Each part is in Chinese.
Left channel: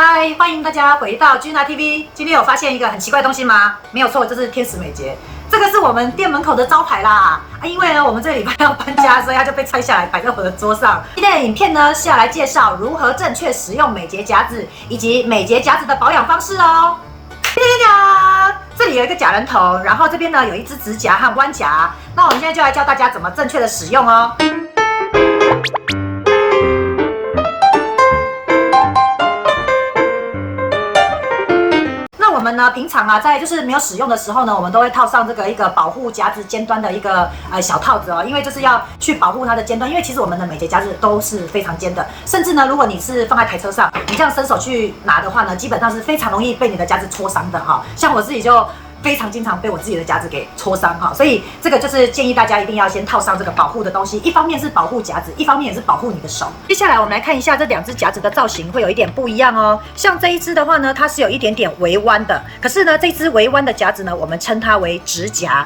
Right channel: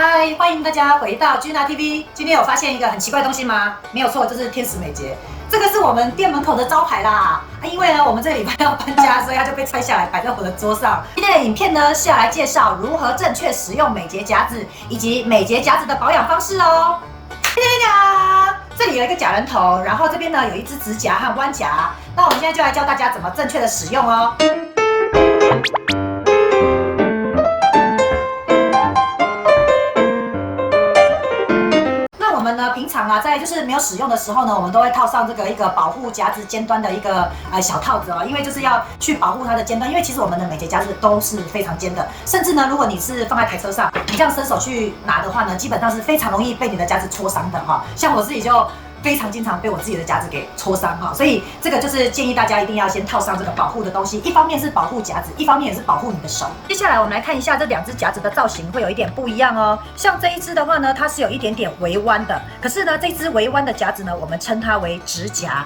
嗨，欢迎大家回到 Gina TV。今天有发现一个很奇怪的东西吗？没有错，就是天使美睫。这个是我们店门口的招牌啦。因为呢，我们这个礼拜要搬家，所以它就被拆下来摆在我的桌上。今天的影片呢是要来介绍如何正确使用美睫夹子，以及美睫夹子的保养方式哦。这里有一个假人头，然后这边呢有一支直夹和弯夹。那我们现在就来教大家怎么正确的使用哦。我们呢，平常啊，在就是没有使用的时候呢，我们都会套上这个一个保护夹子尖端的一个小套子哦，因为就是要去保护它的尖端，因为其实我们的美睫夹子都是非常尖的，甚至呢，如果你是放在台车上，你这样伸手去拿的话呢，基本上是非常容易被你的夹子戳伤的哈。像我自己就非常经常被我自己的夹子给戳伤哈，所以这个就是建议大家一定要先套上这个保护的东西，一方面是保护夹子，一方面也是保护你的手。接下来我们来看一下这两只夹子的造型会有一点不一样哦。像这一只的话呢，它是有一点点微弯的，可是呢，这只微弯的夹子呢，我们称它为直夹，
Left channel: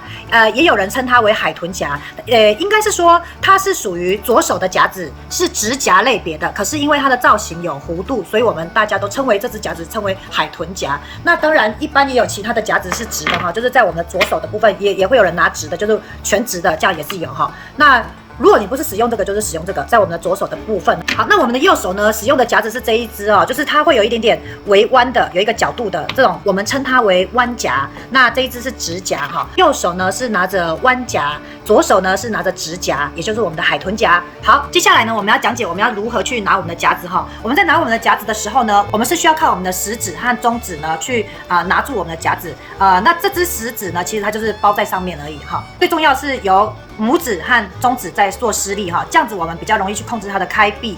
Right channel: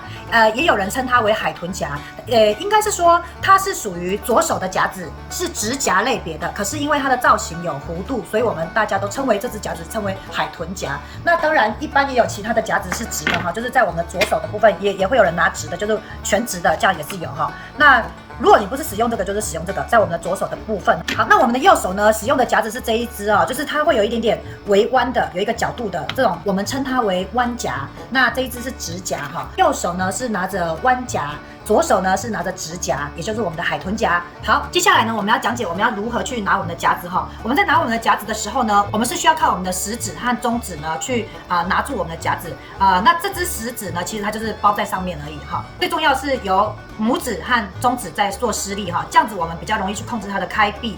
也有人称它为海豚夹，应该是说它是属于左手的夹子，是直夹类别的，可是因为它的造型有弧度，所以我们大家都称为这只夹子称为海豚夹。那当然，一般也有其他的夹子是直的哈，就是在我们左手的部分也会有人拿直的，就是全直的，这样也是有哈。那如果你不是使用这个，就是使用这个，在我们的左手的部分。好，那我们的右手呢，使用的夹子是这一支哦，就是它会有一点点微弯的，有一个角度的这种，我们称它为弯夹。那这一支是直夹哈，右手呢是拿着弯夹，左手呢是拿着直夹，也就是我们的海豚夹。好，接下来呢，我们要讲解我们要如何去拿我们的夹子哈。我们在拿我们的夹子的时候呢，我们是需要靠我们的食指和中指呢去拿住我们的夹子那这只食指呢，其实它就是包在上面而已哈。最重要是由拇指和中指在做施力哈，这样子我们比较容易去控制它的开闭。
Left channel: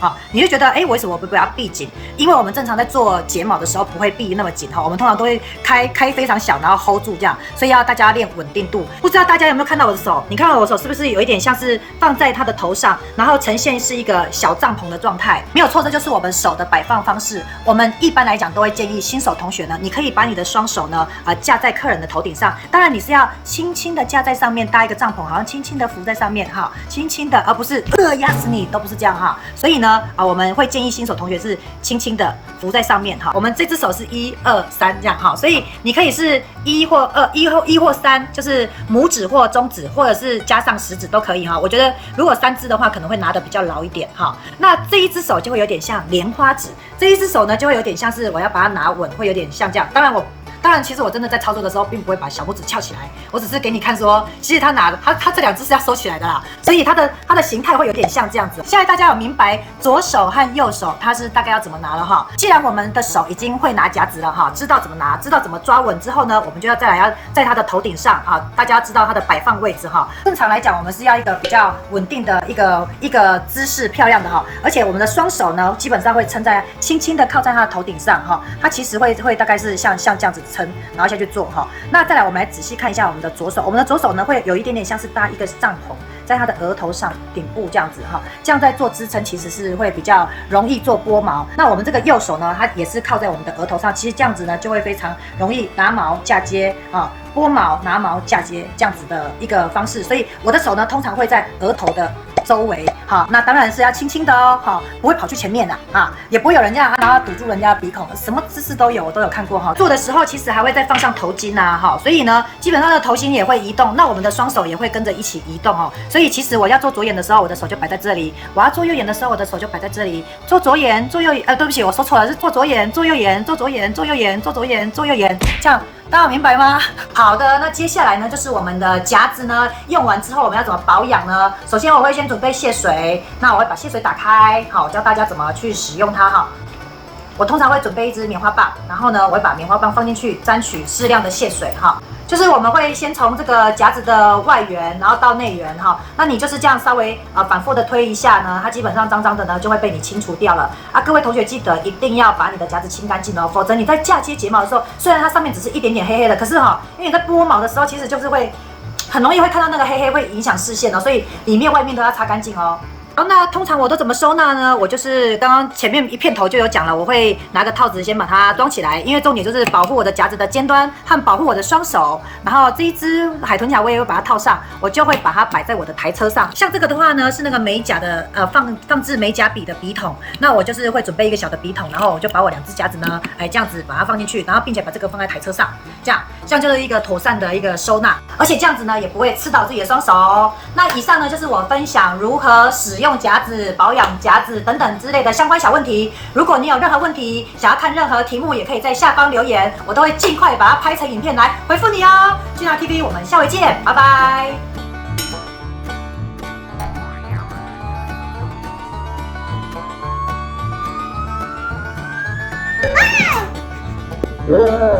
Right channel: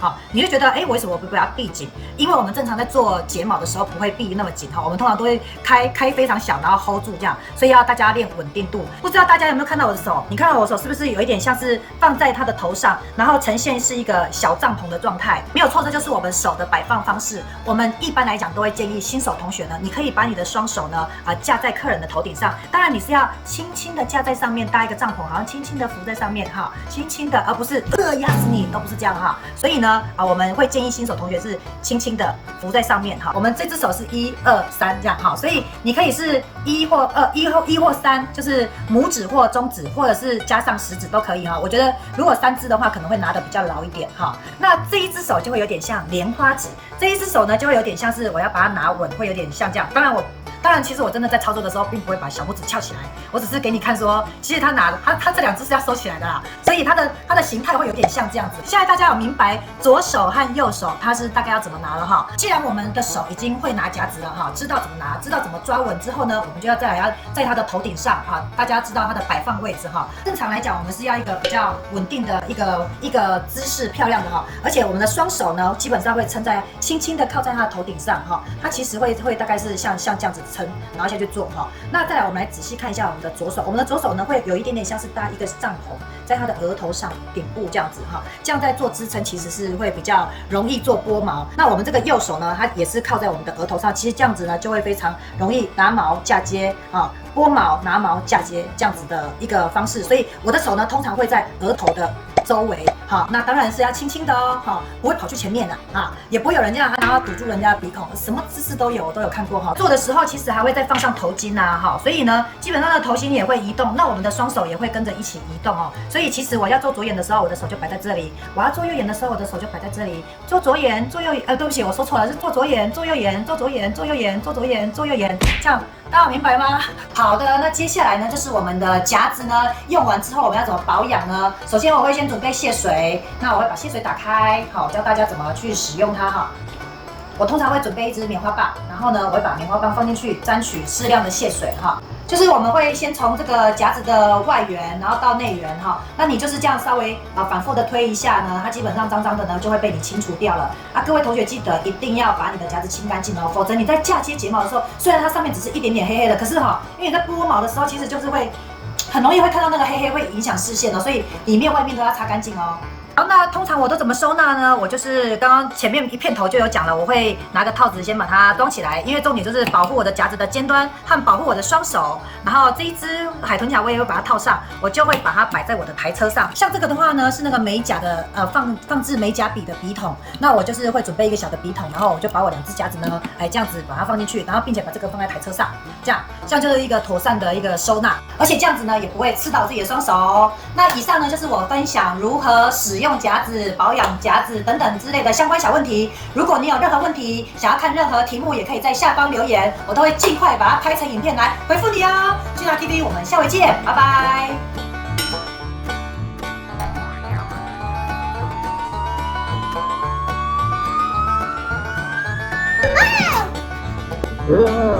好，你就觉得为什么不要闭紧？因为我们正常在做睫毛的时候不会闭那么紧哈，我们通常都会开非常小，然后 hold 住这样，所以要大家练稳定度。不知道大家有没有看到我的手？你看到我的手是不是有一点像是放在它的头上，然后呈现是一个小帐篷的状态？没有错，这就是我们手的摆放方式。我们一般来讲都会建议新手同学呢，你可以把你的双手呢架在客人的头顶上，当然你是要轻轻的架在上面搭一个帐篷，好像轻轻的浮在上面哈，轻轻的，而不是压死你，都不是这样哈。所以呢我们会建议新手同学是轻轻的浮在上面哈。我们这只手是1、2、3这样哈，所以你可以是1或2、1或3，就是拇指或中指，或者是加上食指都可以哈。我觉得如果3只的话，可能会拿得比较牢一点哈。那这一只手就会有点像莲花指，这一只手呢就会有点像是我要把它拿稳，会有点像这样。当然，其实我真的在操作的时候，并不会把小拇指翘起来，我只是给你看说，其实它这两只是要收起来的啦，所以它的形态会有点像这样子。现在大家有明白左手和右手它是大概要怎么拿了哈？既然我们的手已经会拿夹子了哈，知道怎么拿，知道怎么抓稳之后呢，我们就要再来要在它的头顶上大家要知道它的摆放位置哈。正常来讲，我们是要一个比较稳定的一个姿势，漂亮的哈。而且我们的双手呢，基本上会撑在轻轻的靠在它的头顶上哈，它其实会大概是像这样子。然后下去做哈，那再来我们来仔细看一下我们的左手，我们的左手呢会有一点点像是搭一个帐篷在它的额头上顶部这样子哈，这样在做支撑其实是会比较容易做拨毛。那我们这个右手呢，它也是靠在我们的额头上，其实这样子呢就会非常容易拿毛嫁接拨毛拿毛嫁接这样子的一个方式，所以我的手呢通常会在额头的周围好，那当然是要轻轻的哦，好，不会跑去前面的也不会有人这样然后堵住人家的鼻孔，什么姿势都有，我都有看过哈。做的时候其实还会再放上头巾所以呢，基本上的头巾也会移动，那我们的双手也会跟着一起移动哦。所以其实我要做左眼的时候，我的手就摆在这里；我要做右眼的时候，我的手就摆在这里。做左眼，做右眼，对不起，我说错了，是做左眼，做右眼，做左眼，做右眼，做左眼，做右眼，这样。大家明白吗？好的，那接下来呢，就是我们的夹子呢，用完之后我们要怎么保养呢？首先我会先准备卸水，那我会把卸水打开，好，教大家怎么去使用它哈。我通常会准备一支棉花棒，然后呢，我会把棉花棒放进去，沾取适量的卸水哈。就是我们会先从这个夹子的外缘，然后到内缘哈。那你就是这样稍微反复的推一下呢，它基本上脏脏的呢就会被你清除掉了各位同学记得一定要把你的夹子清干净哦，否则你在嫁接睫毛的时候，虽然它上面只是一点点黑黑的，可是因为你在拨毛的时候，其实就是会很容易会看到那个黑黑会影响视线哦，所以里面外面都要擦干净哦。好，那通常我都怎么收纳呢？我就是刚刚前面一片头就有讲了，我会拿个套子先把它装起来，因为重点就是保护我的夹子的尖端和保护我的双手。然后这一只海豚夹我也会把它套上，我就会把它摆在我的台车上。像这个的话呢，是那个美甲的放置美甲笔的笔筒，那我就是会准备一个小的笔筒，然后我就把我2只夹子呢，这样子把它放进去，然后并且把这个放在台车上，这样就是一个妥善的一个收纳，而且这样子呢也不会刺到自己的双手哦。那以上呢就是我分享如何使用夹子、保养夹子等等之类的相关小问题。如果你有任何问题，想要看任何题目，也可以在下方留言，我都会尽快把它拍成影片来回复你哦。俊达 TV，我们下回见，拜拜。啊